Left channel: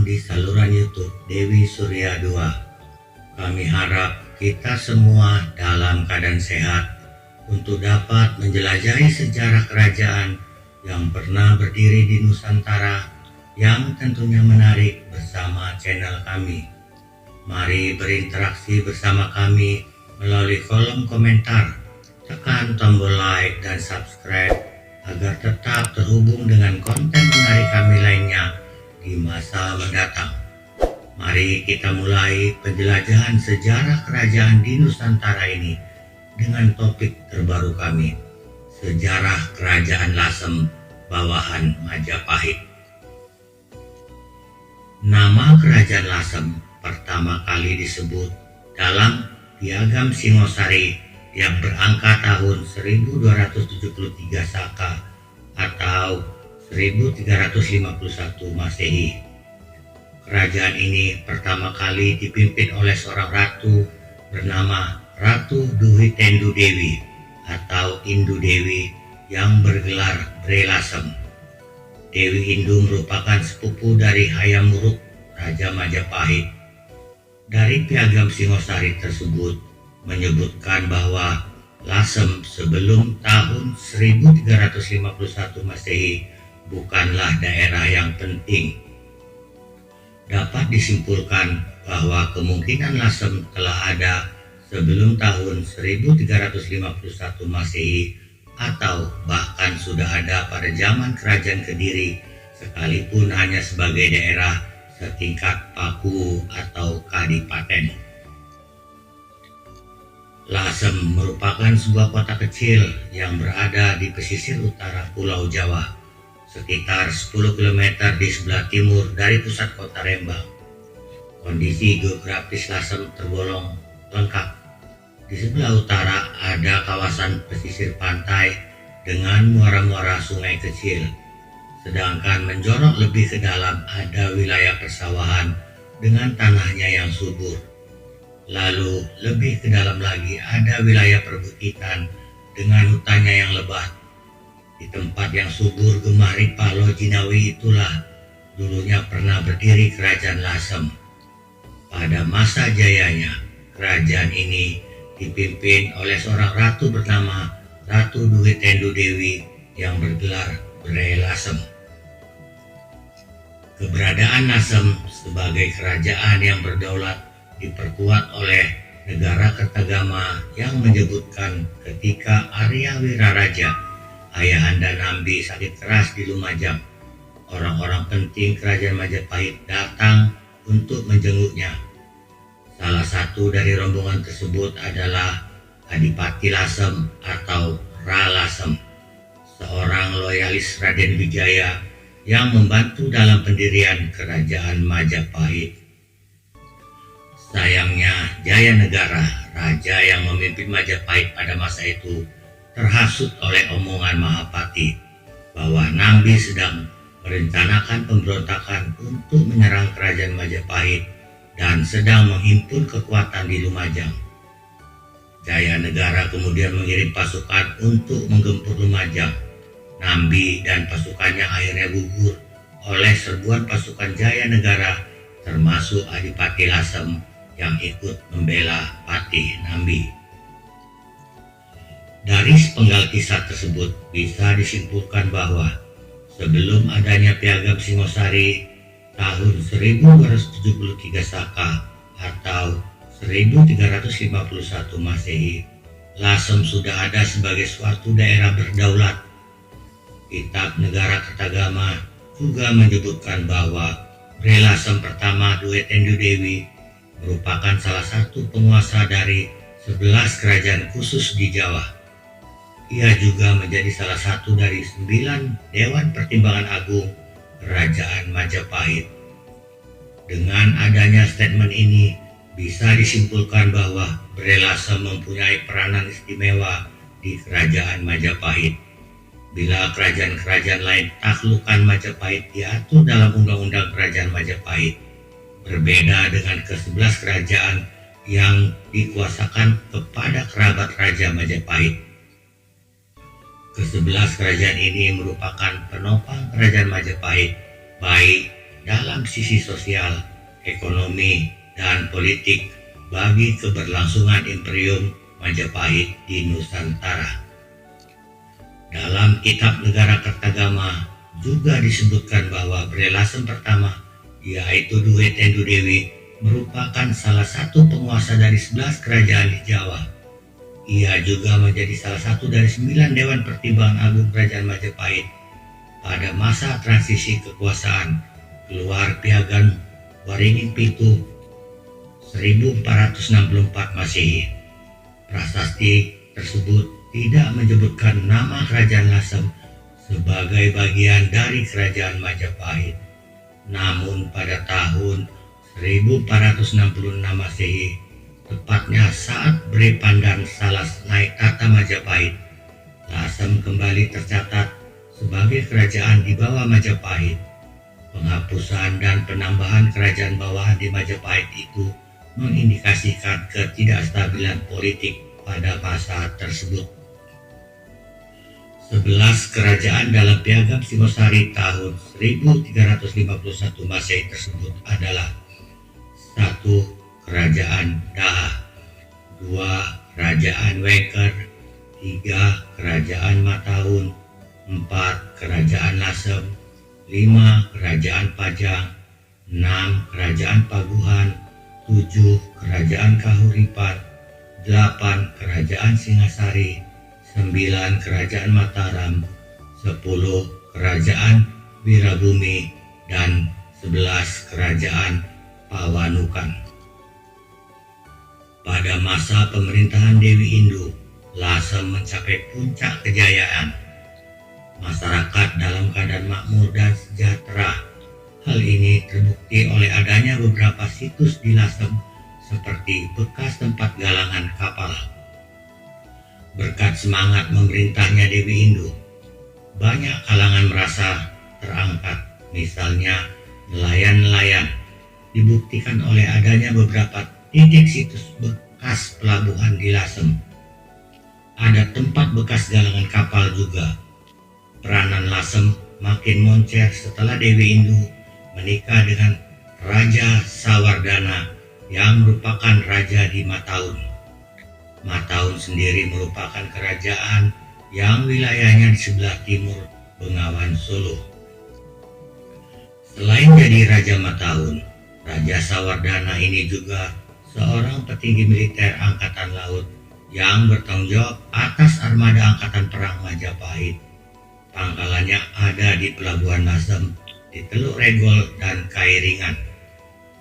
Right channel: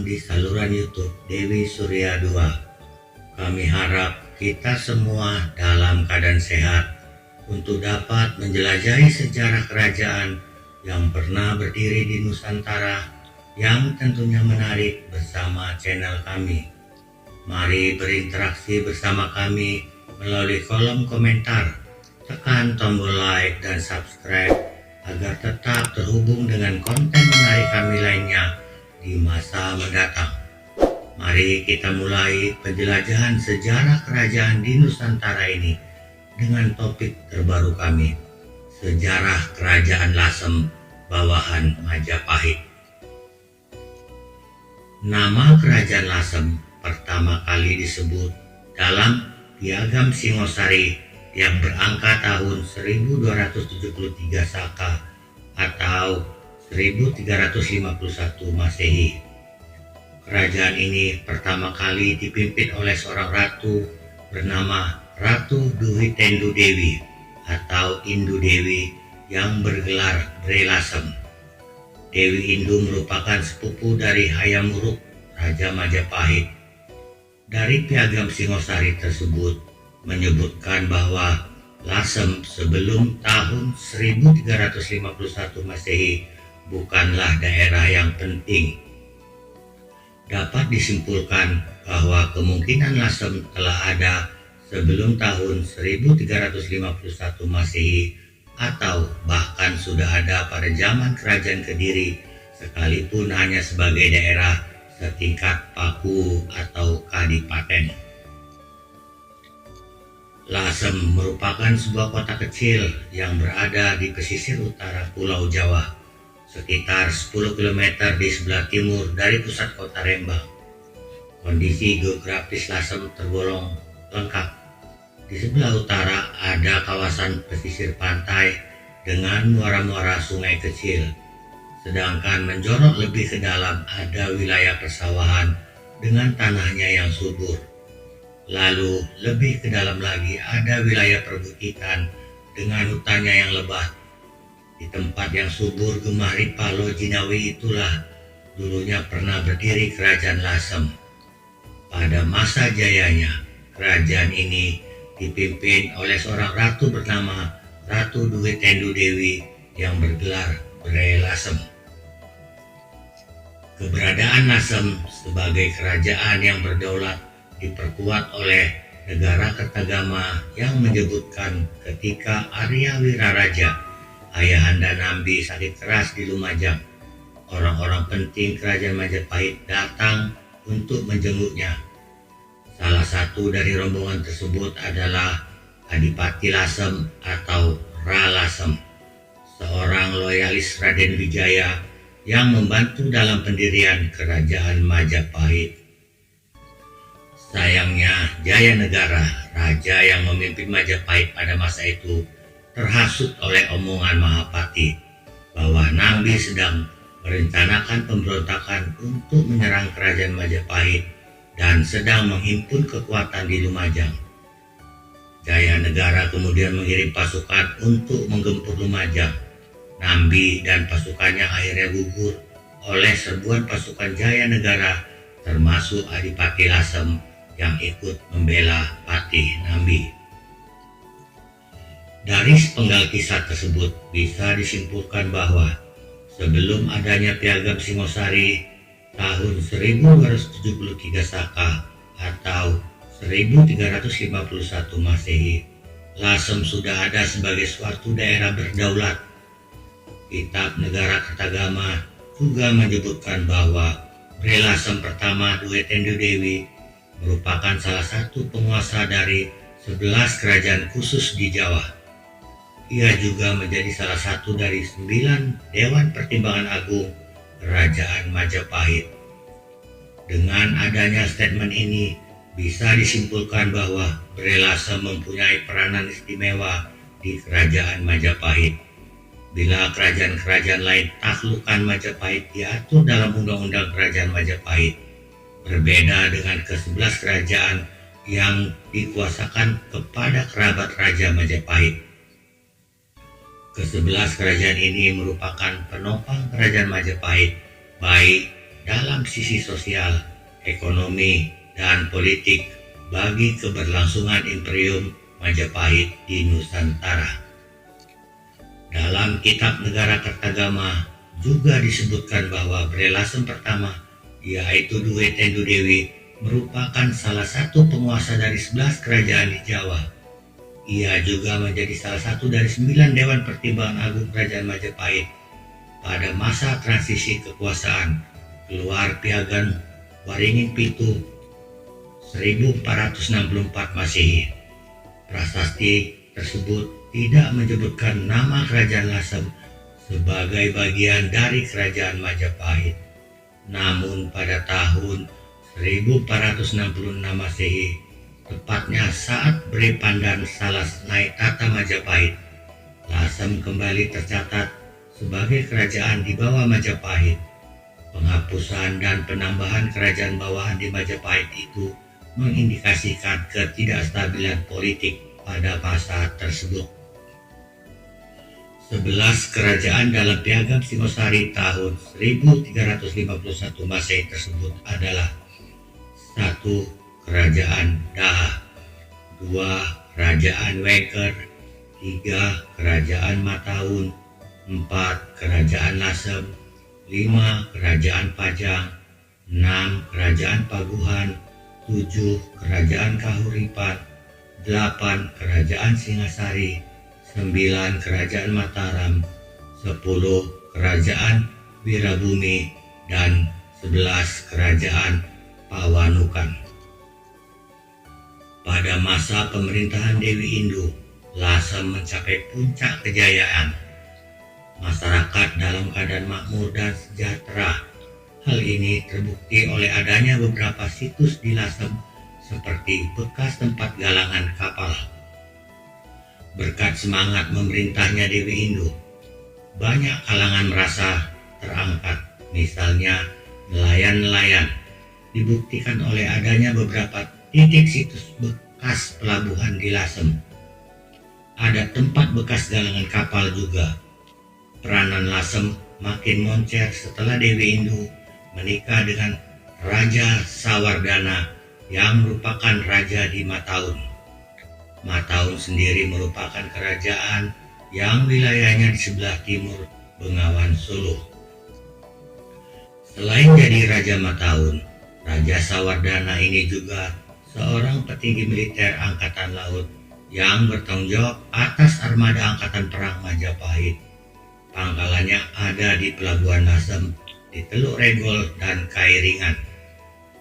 datang di saluran YouTube Dewi Surya 2. Kami harap kita semua dalam keadaan sehat untuk dapat menjelajahi sejarah kerajaan yang pernah berdiri di Nusantara yang tentunya menarik bersama channel kami. Mari berinteraksi bersama kami melalui kolom komentar. Tekan tombol like dan subscribe agar tetap terhubung dengan konten menarik kami lainnya di masa mendatang. Mari kita mulai penjelajahan sejarah kerajaan di Nusantara ini dengan topik terbaru kami, sejarah Kerajaan Lasem bawahan Majapahit. Nama Kerajaan Lasem pertama kali disebut dalam Piagam Singosari yang berangka tahun 1273 Saka atau 1351 Masehi. Kerajaan ini pertama kali dipimpin oleh seorang ratu bernama Ratu Duhi Tendu Dewi atau Indu Dewi yang bergelar Bre Lasem. Dewi Indu merupakan sepupu dari Hayam Wuruk, Raja Majapahit. Dari Piagam Singosari tersebut menyebutkan bahwa Lasem sebelum tahun 1351 Masehi bukanlah daerah yang penting. Dapat disimpulkan bahwa kemungkinan Lasem telah ada sebelum tahun 1351 Masehi atau bahkan sudah ada pada zaman Kerajaan Kediri sekalipun hanya sebagai daerah setingkat paku atau kadipaten. Lasem merupakan sebuah kota kecil yang berada di pesisir utara Pulau Jawa, sekitar 10 km di sebelah timur dari pusat kota Rembang. Kondisi geografis Lasem tergolong lengkap. Di sebelah utara ada kawasan pesisir pantai dengan muara-muara sungai kecil, sedangkan menjorok lebih ke dalam ada wilayah persawahan dengan tanahnya yang subur. Lalu lebih ke dalam lagi ada wilayah perbukitan dengan hutannya yang lebat. Di tempat yang subur Gemari Palo Jinawi itulah dulunya pernah berdiri Kerajaan Lasem. Pada masa jayanya, kerajaan ini dipimpin oleh seorang ratu bernama Ratu Duhi Tendu Dewi yang bergelar Bre Lasem. Keberadaan Lasem sebagai kerajaan yang berdaulat diperkuat oleh negara Kertagama yang menyebutkan ketika Arya Wiraraja, ayahanda Nambi, sakit keras di Lumajang, orang-orang penting Kerajaan Majapahit datang untuk menjenguknya. Salah satu dari rombongan tersebut adalah Adipati Lasem atau Ra Lasem, seorang loyalis Raden Wijaya yang membantu dalam pendirian Kerajaan Majapahit. Sayangnya, Jaya Negara, raja yang memimpin Majapahit pada masa itu, terhasut oleh omongan Mahapati bahwa Nambi sedang merencanakan pemberontakan untuk menyerang Kerajaan Majapahit dan sedang menghimpun kekuatan di Lumajang. Jaya Negara kemudian mengirim pasukan untuk menggempur Lumajang. Nambi dan pasukannya akhirnya gugur oleh serbuan pasukan Jaya Negara termasuk Adipati Lasem yang ikut membela Patih Nambi. Dari sepenggal kisah tersebut bisa disimpulkan bahwa sebelum adanya Piagam Singosari tahun 1273 Saka atau 1351 Masehi, Lasem sudah ada sebagai suatu daerah berdaulat. Kitab Negara Kertagama juga menyebutkan bahwa Bre Lasem pertama Duhi Tendu Dewi merupakan salah satu penguasa dari 11 kerajaan khusus di Jawa. Ia juga menjadi salah satu dari 9 Dewan Pertimbangan Agung Kerajaan Majapahit. Dengan adanya statement ini, bisa disimpulkan bahwa Bre Lasem mempunyai peranan istimewa di Kerajaan Majapahit. Bila kerajaan-kerajaan lain taklukan Majapahit diatur dalam Undang-Undang Kerajaan Majapahit, berbeda dengan ke-11 kerajaan yang dikuasakan kepada kerabat Raja Majapahit. Ke-11 kerajaan ini merupakan penopang Kerajaan Majapahit, baik dalam sisi sosial, ekonomi, dan politik bagi keberlangsungan Imperium Majapahit di Nusantara. Dalam kitab Negara Kertagama juga disebutkan bahwa Bre Lasem pertama, yaitu Duwe Tendu Dewi, merupakan salah satu penguasa dari 11 kerajaan di Jawa. Ia juga menjadi salah satu dari 9 Dewan Pertimbangan Agung Kerajaan Majapahit pada masa transisi kekuasaan keluar Piagam Waringin Pintu 1464 Masehi. Prasasti tersebut tidak menyebutkan nama Kerajaan Lasem sebagai bagian dari Kerajaan Majapahit. Namun pada tahun 1466 Masehi, tepatnya saat Bre Pandan Salas naik tahta Majapahit, Lasem kembali tercatat sebagai kerajaan di bawah Majapahit. Penghapusan dan penambahan kerajaan bawahan di Majapahit itu mengindikasikan ketidakstabilan politik pada masa tersebut. 11 kerajaan dalam Piagam Singosari tahun 1351 Masehi tersebut adalah: 1. Kerajaan Daha, 2. Kerajaan Wengker, 3. Kerajaan Mataun, 4. Kerajaan Lasem, 5. Kerajaan Pajang, 6. Kerajaan Paguhan, 7. Kerajaan Kahuripan, 8. Kerajaan Singasari, 9. Kerajaan Mataram, 10. Kerajaan Wirabumi, dan 11. Kerajaan Pawanukan. Pada masa pemerintahan Dewi Indu, Lasem mencapai puncak kejayaan. Masyarakat dalam keadaan makmur dan sejahtera. Hal ini terbukti oleh adanya beberapa situs di Lasem seperti bekas tempat galangan kapal. Berkat semangat memerintahnya Dewi Indu, banyak kalangan merasa terangkat. Misalnya nelayan-nelayan, dibuktikan oleh adanya beberapa titik situs bekas pelabuhan di Lasem. Ada tempat bekas galangan kapal juga. Peranan Lasem makin moncer setelah Dewi Indu menikah dengan Raja Sawardana yang merupakan raja di Mataun. Mataun sendiri merupakan kerajaan yang wilayahnya di sebelah timur Bengawan Solo. Selain jadi Raja Mataun, Raja Sawardana ini juga seorang petinggi militer Angkatan Laut yang bertanggung jawab atas armada Angkatan Perang Majapahit. Pangkalannya ada di Pelabuhan Lasem, di Teluk Regol, dan Kairingan.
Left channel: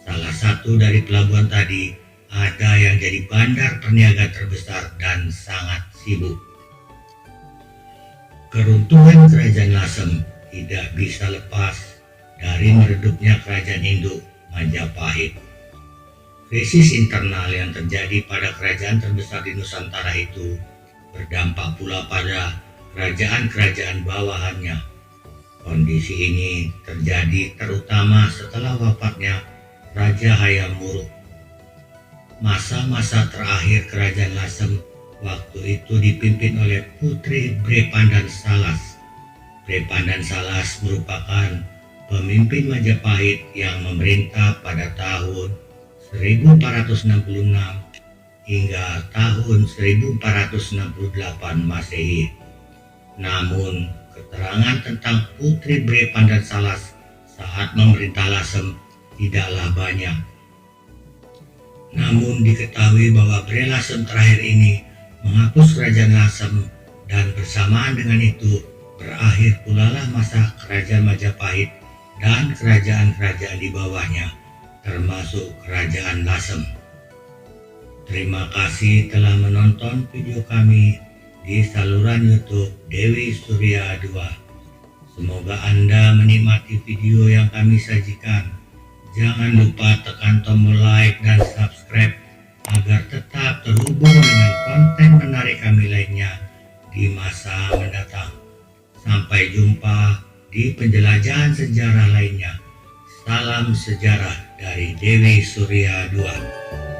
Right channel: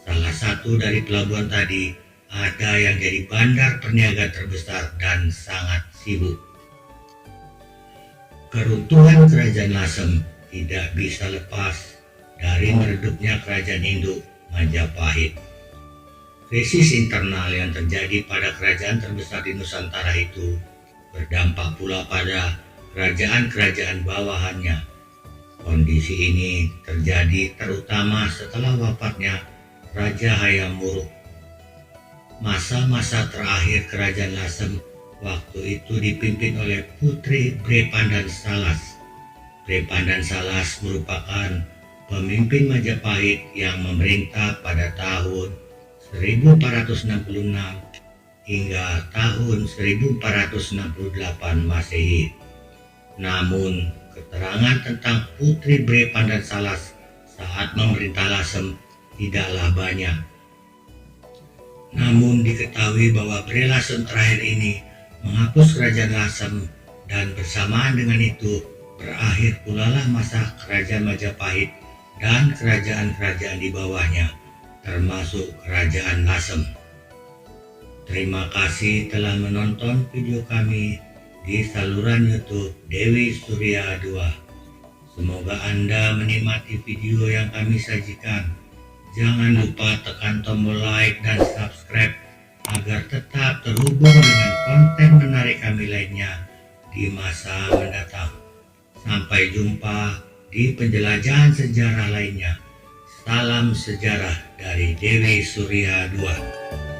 Salah satu dari pelabuhan tadi ada yang jadi bandar perniagaan terbesar dan sangat sibuk. Keruntuhan Kerajaan Lasem tidak bisa lepas dari meredupnya Kerajaan Induk Majapahit. Krisis internal yang terjadi pada kerajaan terbesar di Nusantara itu berdampak pula pada kerajaan-kerajaan bawahannya. Kondisi ini terjadi terutama setelah wafatnya Raja Hayam Wuruk. Masa-masa terakhir Kerajaan Lasem waktu itu dipimpin oleh Putri Bre Pandan Salas. Bre Pandan Salas merupakan pemimpin Majapahit yang memerintah pada tahun 1466 hingga tahun 1468 Masehi. Namun, keterangan tentang Putri Bre Pandan Salas saat memerintah Lasem tidaklah banyak. Namun diketahui bahwa Bre Lasem terakhir ini menghapus Kerajaan Lasem, dan bersamaan dengan itu berakhir pula lah masa Kerajaan Majapahit dan kerajaan-kerajaan di bawahnya, termasuk Kerajaan Lasem. Terima kasih telah menonton video kami di saluran YouTube Dewi Surya 2. Semoga Anda menikmati video yang kami sajikan. Jangan lupa tekan tombol like dan subscribe agar tetap terhubung dengan konten menarik kami lainnya di masa mendatang. Sampai jumpa di penjelajahan sejarah lainnya. Salam sejarah dari Dewi Surya 2.